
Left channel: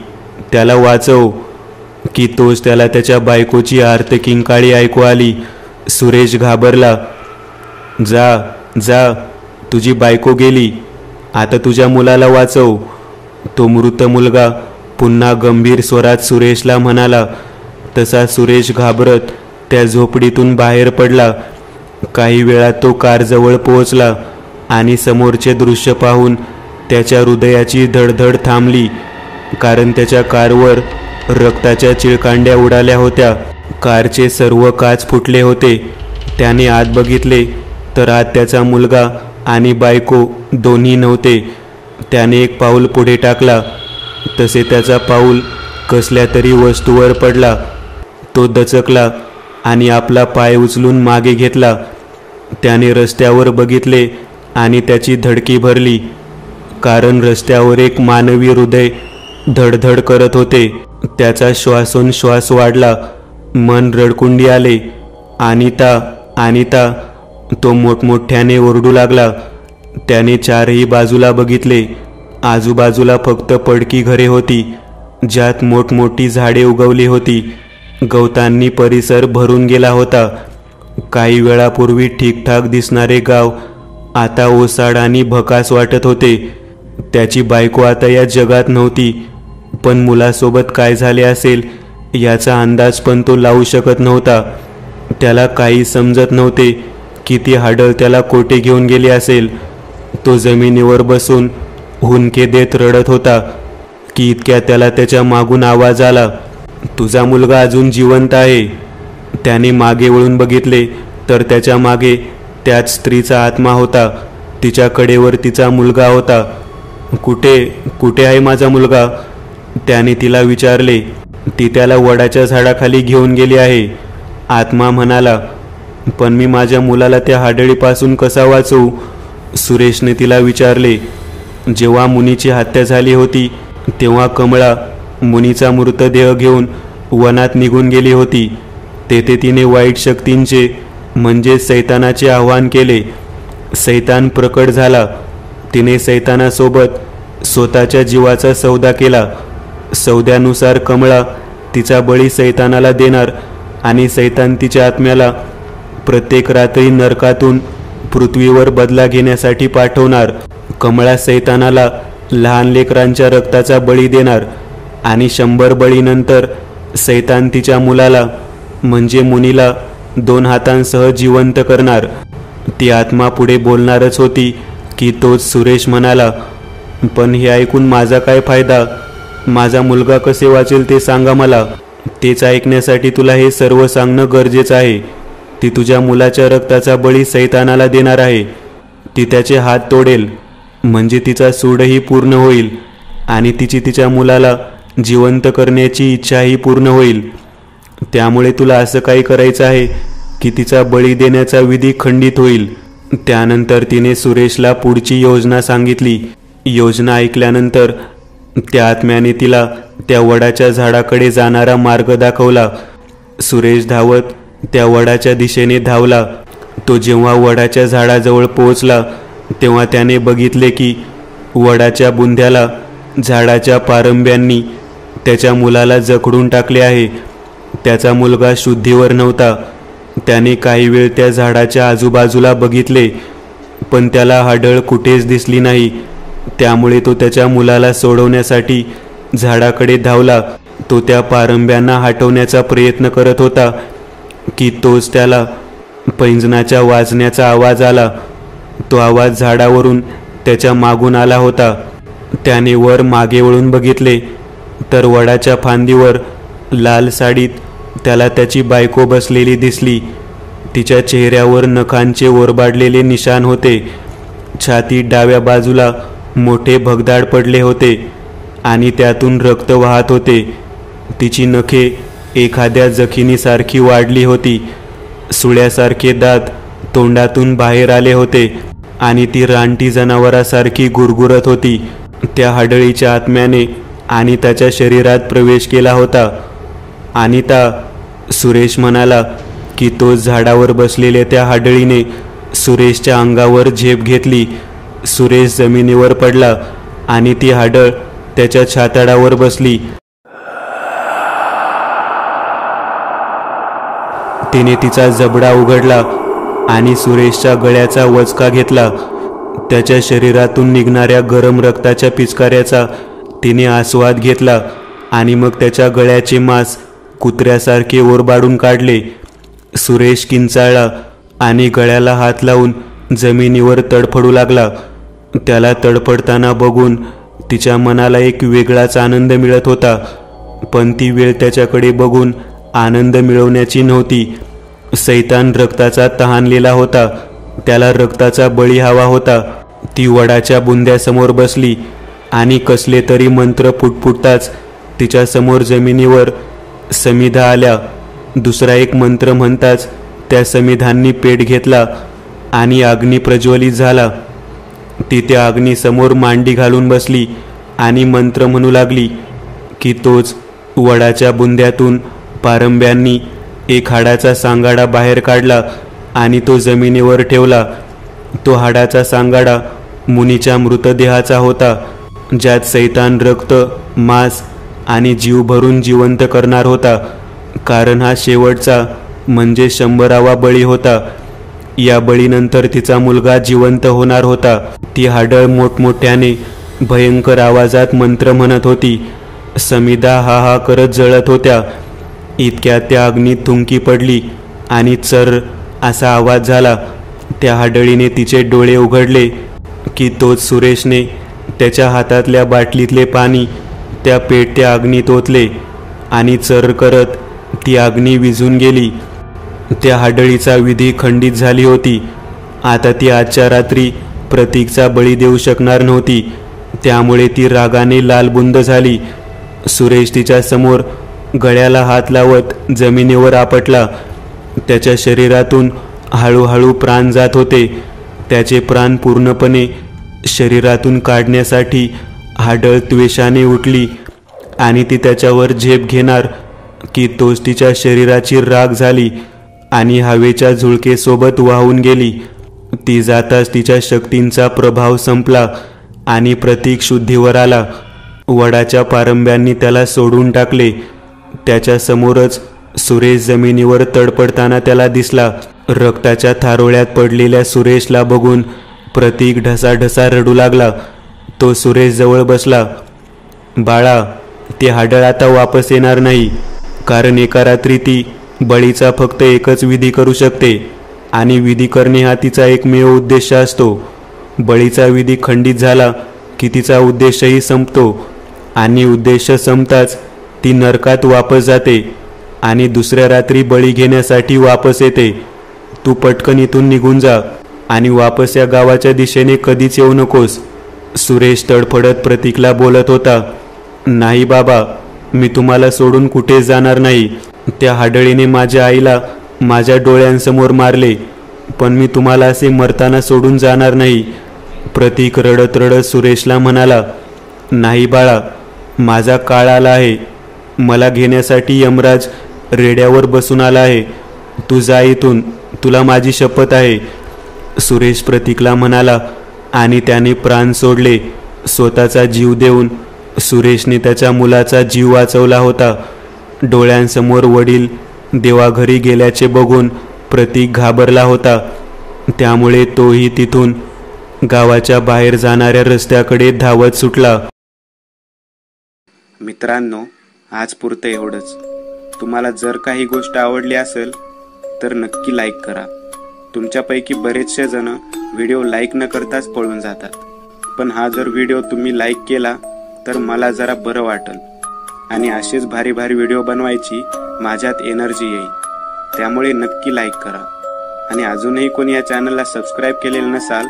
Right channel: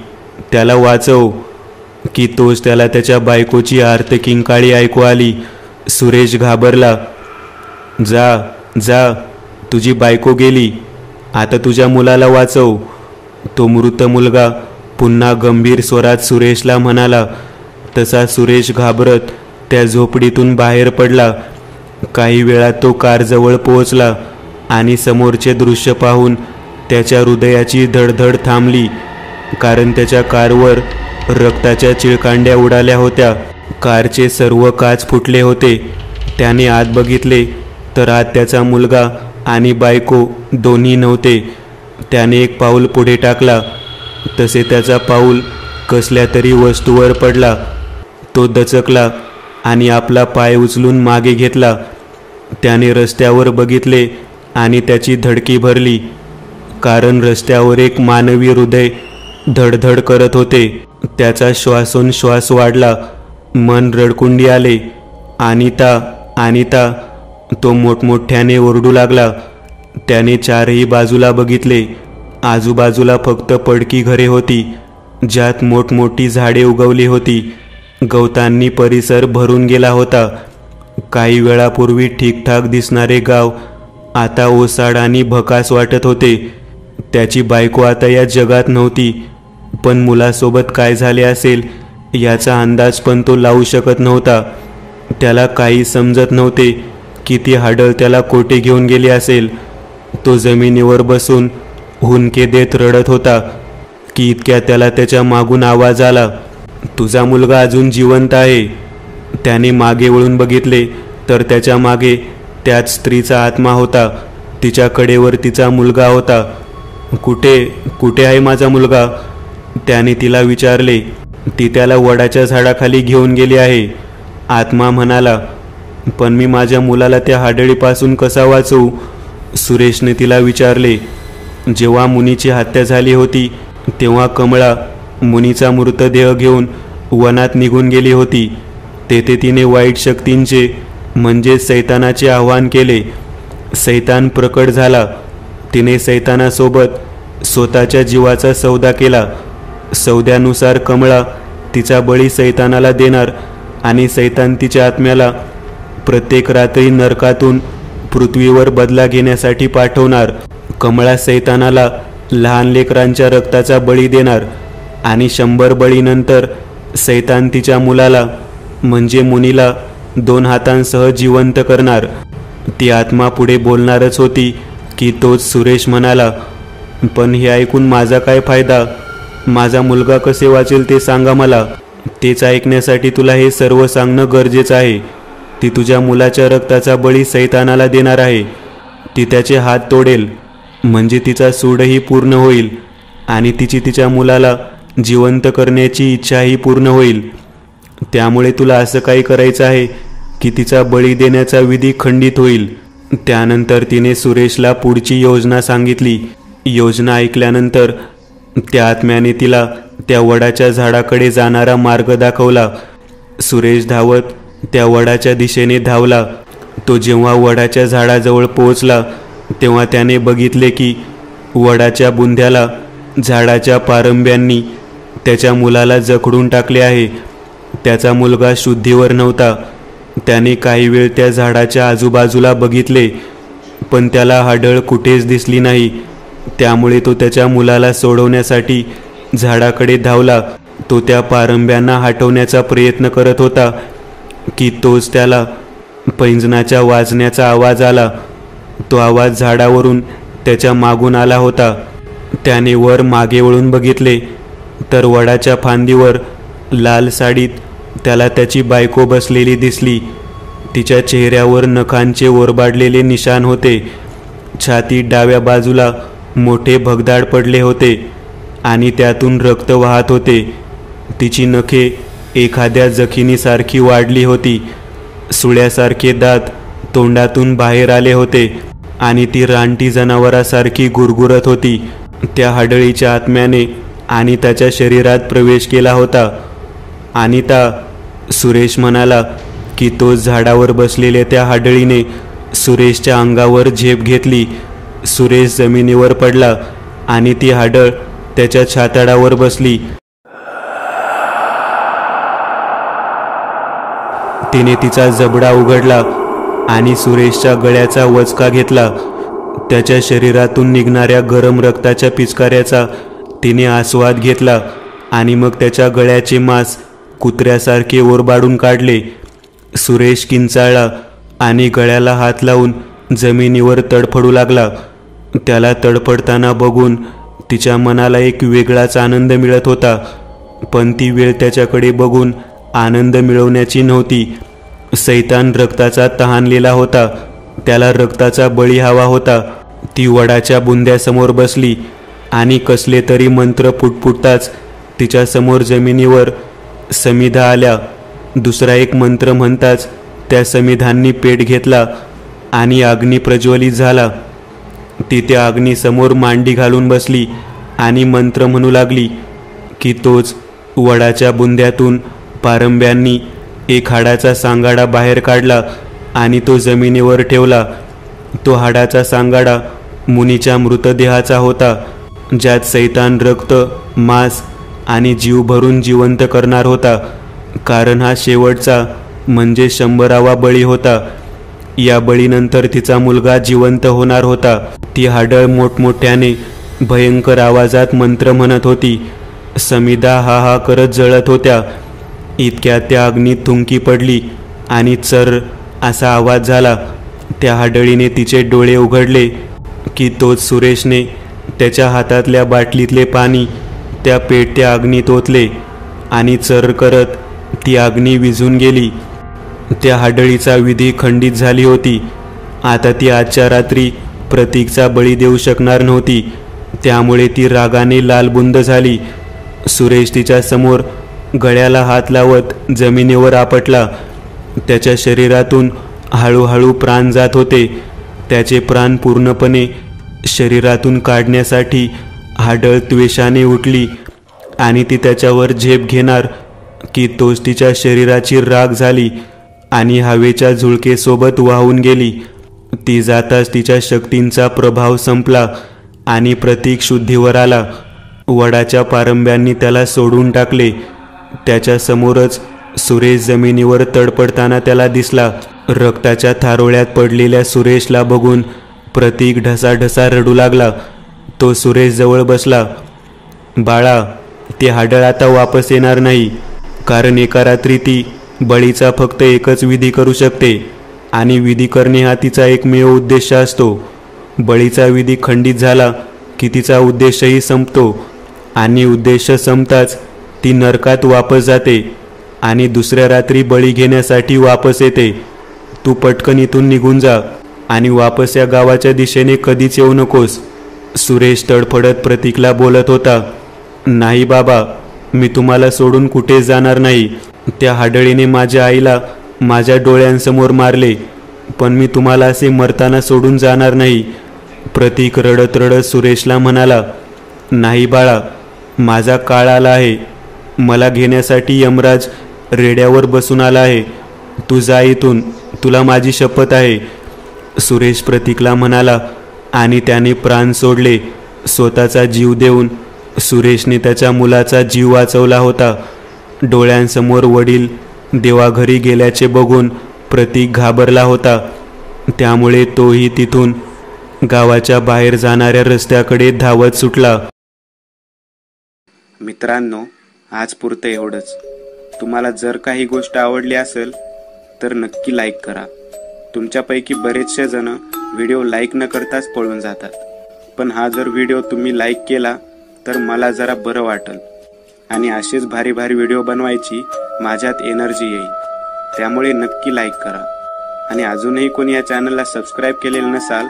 त्याला वाचव. की तोच त्याला त्याच्या बायकोची आर्त किंकाळी ऐकू आली. सुरेश घाबरला. जा जा, तुझी बायको गेली, आता तुझ्या मुलाला वाचव. तो मृत मुलगा पुन्हा गंभीर स्वरात सुरेशला म्हणाला. तसा सुरेश घाबरत त्या झोपडीतून बाहेर पडला. काही वेळात तो कारजवळ पोहोचला आणि समोरचे दृश्य पाहून त्याच्या हृदयाची धडधड थांबली, कारण त्याच्या कारवर रक्ताच्या चिळकांड्या उडाल्या होत्या. कारचे सर्व काच फुटले होते. त्याने आत बघितले तर आत त्याचा मुलगा आणि बायको दोन्ही नव्हते. त्याने एक पाऊल पुढे टाकला तसे त्याचा पाऊल कसल्या तरी वस्तूवर पडला. तो दचकला आणि आपला पाय उचलून मागे घेतला. त्याने रस्त्यावर बघितले आणि त्याची धडकी भरली, कारण रस्त्यावर एक मानवी हृदय धडधड करत होते. त्याचा श्वासोच्छ्वास वाढला. मन रडकुंडी आले. अनिता, अनिता, तो मोठमोठ्याने ओरडू लागला. त्याने चारही बाजूला बघितले. आजूबाजूला फक्त पडकी घरे होती, ज्यात मोठमोठी झाडे उगवली होती. गवतांनी परिसर भरून गेला होता. काही वेळापूर्वी ठीकठाक दिसणारे गाव आता ओसाड आणि भकास वाटत होते. त्याची बायको आता या जगात नव्हती, पण मुलासोबत काय झाले असेल याचा अंदाज पण तो लावू शकत नव्हता. त्याला काही समजत नव्हते की ती हाडळ त्याला कोठे घेऊन गेली असेल. तो जमिनीवर बसून हुंदके देत रडत होता की इतक्या त्याला त्याच्या मागून आवाज आला, तुझा मुलगा अजून जिवंत आहे. त्याने मागे वळून बघितले तर त्याच्या मागे त्याच स्त्रीचा आत्मा होता. तिच्या कडेवर तिचा मुलगा होता. कुठे कुठे आहे माझा मुलगा? त्याने तिला विचारले. ती त्याला वडाच्या झाडाखाली घेऊन गेली आहे. आत्मा म्हणाला, पण मी माझ्या मुलाला त्या हाडळीपासून कसा वाचवू? सुरेशने तिला विचारले. जेव्हा मुनीची हत्या झाली होती तेव्हा कमळा मुनीचा मृतदेह घेऊन वनात निघून गेली होती. तेथे तिने वाईट शक्तींचे म्हणजे सैतानाचे आवाहन केले. सैतान प्रकट झाला. तिने सैतानासोबत स्वतःच्या जीवाचा सौदा केला. सौद्यानुसार कमळा तिचा बळी सैतानाला देणार आणि सैतान तिच्या आत्म्याला प्रत्येक रात्री नरकातून पृथ्वीवर बदला घेण्यासाठी पाठवणार. कमळा सैतानाला लहान लेकरांच्या रक्ताचा बळी देणार आणि 100 बळीनंतर सैतान तिच्या मुलाला म्हणजे मुनीला 2 हातांसह जिवंत करणार. ती आत्मा पुढे बोलणारच होती की तोच सुरेश म्हणाला, पण हे ऐकून माझा काय फायदा? माझा मुलगा कसे वाचेल ते सांगा मला. तेच ऐकण्यासाठी तुला हे सर्व सांगणं गरजेचं आहे. ती तुझ्या मुलाच्या रक्ताचा बळी सैतानाला देणार आहे. ती त्याचे हात तोडेल म्हणजे तिचा सूडही पूर्ण होईल आणि तिची तिच्या मुलाला जिवंत करण्याची इच्छाही पूर्ण होईल. त्यामुळे तुला असं काही करायचं आहे की तिचा बळी देण्याचा विधी खंडित होईल. त्यानंतर तिने सुरेशला पुढची योजना सांगितली. योजना ऐकल्यानंतर त्या आत्म्याने तिला त्या वडाच्या झाडाकडे जाणारा मार्ग दाखवला. सुरेश धावत त्या वडाच्या दिशेने धावला. तो जेव्हा वडाच्या झाडाजवळ पोहोचला तेव्हा त्याने बघितले की वडाच्या बुंध्याला झाडाच्या पारंब्यांनी त्याच्या मुलाला जखडून टाकले आहे. त्याचा मुलगा शुद्धीवर नव्हता. त्याने काही वेळ त्या झाडाच्या आजूबाजूला बघितले, पण त्याला हाडळ कुठेच दिसली नाही. त्यामुळे तो त्याच्या मुलाला सोडवण्यासाठी झाडाकडे धावला. तो त्या पारंब्यांना हटवण्याचा प्रयत्न करत होता की तोच त्याला पैंजणाच्या वाजण्याचा आवाज आला. तो आवाज झाडावरून त्याच्या मागून आला होता. त्याने वर मागे वळून बघितले तर वडाच्या फांदीवर लाल साडीत त्याला त्याची बायको बसलेली दिसली. तिच्या चेहऱ्यावर नखांचे ओरबाडलेले निशाण होते. छातीत डाव्या बाजूला मोठे भगदाड पडले होते आणि त्यातून रक्त वाहत होते. तिची नखे एखाद्या जखिनीसारखी वाढली होती. सुळ्यासारखे दात तोंडातून बाहेर आले होते आणि ती रानटी जनावरासारखी गुरगुरत होती. त्या हाडळीच्या आत्म्याने आणि त्याच्या शरीरात प्रवेश केला होता. अनिता, सुरेश म्हणाला की तो झाडावर बसलेल्या त्या हाडळीने सुरेशच्या अंगावर झेप घेतली. सुरेश जमिनीवर पडला आणि ती हाडळ त्याच्या छाताडावर बसली. तिने तिचा जबडा उघडला आणि सुरेशच्या गळ्याचा वचका घेतला. त्याच्या शरीरातून निघणाऱ्या गरम रक्ताच्या पिचकाऱ्याचा तिने आस्वाद घेतला आणि मग त्याच्या गळ्याचे मांस कुत्र्यासारखे ओरबाडून काढले. सुरेश किंचाळला आणि गळ्याला हात लावून जमिनीवर तडफडू लागला. त्याला तडफडताना बघून तिच्या मनाला एक वेगळाच आनंद मिळत होता, पण ती वेळ त्याच्याकडे बघून आनंद मिळवण्याची नव्हती. सैतान रक्ताचा तहानलेला होता. त्याला रक्ताचा बळी हवा होता. ती वडाच्या बुंद्यासमोर बसली आणि कसले तरी मंत्र पुटपुटताच तिच्या समोर जमिनीवर समिधा आल्या. दुसरा एक मंत्र म्हणताच त्या समिधांनी पेट घेतला आणि अग्नी प्रज्वलित झाला. ती त्या अग्नीसमोर मांडी घालून बसली आणि मंत्र म्हणू लागली की तोच वडाच्या बुंद्यातून पारंब्यांनी एक हाडाचा सांगाडा बाहेर काढला आणि तो जमिनीवर ठेवला. तो हाडाचा सांगाडा मुनीच्या मृतदेहाचा होता, ज्यात सैतान रक्त, मांस आणि जीव भरून जिवंत करणार होता, कारण हा शेवटचा म्हणजे 100वा बळी होता. या बळीनंतर तिचा मुलगा जिवंत होणार होता. ती हाडळ मोठमोठ्याने भयंकर आवाजात मंत्र म्हणत होती. समिधा हा हा करत जळत होत्या. इतक्यात त्या अग्नीत थुंकी पडली आणि चर असा आवाज झाला. त्या हाडळीने तिचे डोळे उघडले की तोच सुरेशने त्याच्या हातातल्या बाटलीतले पाणी त्या पेटत्या अग्नीत ओतले आणि चर करत ती अग्नी विझून गेली. त्या हाडळीचा विधी खंडित झाली होती. आता ती आजच्या रात्री प्रतीकचा बळी देऊ शकणार नव्हती. त्यामुळे ती रागाने लालबुंद झाली. सुरेश तिच्या समोर गळ्याला हात लावत जमिनीवर आपटला. त्याच्या शरीरातून हळूहळू प्राण जात होते. त्याचे प्राण पूर्णपणे शरीरातून काढण्यासाठी हाडळ त्वेषाने उठली आणि ती त्याच्यावर झेप घेणार की तोच तिच्या शरीराची राख झाली आणि हवेच्या झुळकेसोबत वाहून गेली. ती जाताच तिच्या शक्तींचा प्रभाव संपला आणि प्रतीक शुद्धीवर आला. वडाच्या पारंब्यांनी त्याला सोडून टाकले. त्याच्या समोरच सुरेश जमिनीवर तडपडताना त्याला दिसला. रक्ताच्या थारोळ्यात पडलेल्या सुरेशला बघून प्रतीक ढसाढसा रडू लागला. तो सुरेश जवळ बसला. बाळा, ते हाडळ आता वापस येणार नाही, कारण एका रात्री ती बळीचा फक्त एकच विधी करू शकते आणि विधी करणे हा तिचा एकमेव उद्देश असतो. बळीचा विधी खंडित झाला की तिचा उद्देशही संपतो आणि उद्देश संपताच ती नरकात वापस जाते आणि दुसऱ्या रात्री बळी घेण्यासाठी वापस येते. तू पटकन इथून निघून जा आणि वापस या गावाच्या दिशेने कधीच येऊ नकोस. सुरेश तडफडत प्रतीकला बोलत होता. नाही बाबा, मी तुम्हाला सोडून कुठेच जाणार नाही. त्या हाडळीने माझ्या आईला माझ्या डोळ्यांसमोर मारले, पण मी तुम्हाला असे मरताना सोडून जाणार नाही. प्रतीक रडत रडत सुरेशला म्हणाला. नाही बाळा, माझा काळ आला आहे. मला घेण्यासाठी यमराज रेड्यावर बसून आला आहे. तू जा इथून, तुला माझी शपथ आहे. सुरेश प्रतीकला म्हणाला आणि त्याने प्राण सोडले. स्वतःचा जीव देऊन सुरेशने त्याच्या मुलाचा जीव वाचवला होता. डोळ्यांसमोर वडील देवाघरी गेल्याचे बघून प्रतीक घाबरला होता. त्यामुळे तोही तिथून गावाच्या बाहेर जाणाऱ्या रस्त्याकडे धावत सुटला. मित्रांनो, आज पुरतं एवढंच. तुम्हाला जर काही गोष्ट आवडली असेल तर नक्की लाईक करा. तुमच्यापैकी बरेचसे जण व्हिडिओ लाईक न करताच पळून जातात, पण हा जर व्हिडिओ तुम्ही लाईक केला तर मला जरा बरं वाटेल आणि असेच भारी भारी व्हिडिओ बनवायची माझ्यात एनर्जी येईल. त्यामुळे नक्की लाईक करा आणि अजूनही कोणी या चॅनलला सबस्क्राईब केलेलं नसाल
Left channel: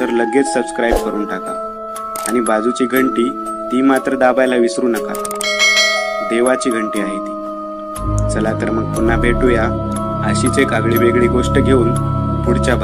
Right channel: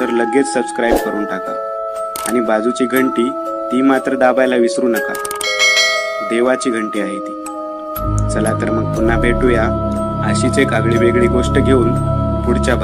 तर लगेच सबस्क्राईब करून टाका आणि बाजूची घंटी ती मात्र दाबायला विसरू नका. देवाची घंटी आहे ती. चला तर मग पुन्हा भेटूया अशीच एक आगळी वेगळी गोष्ट घेऊन पुढच्या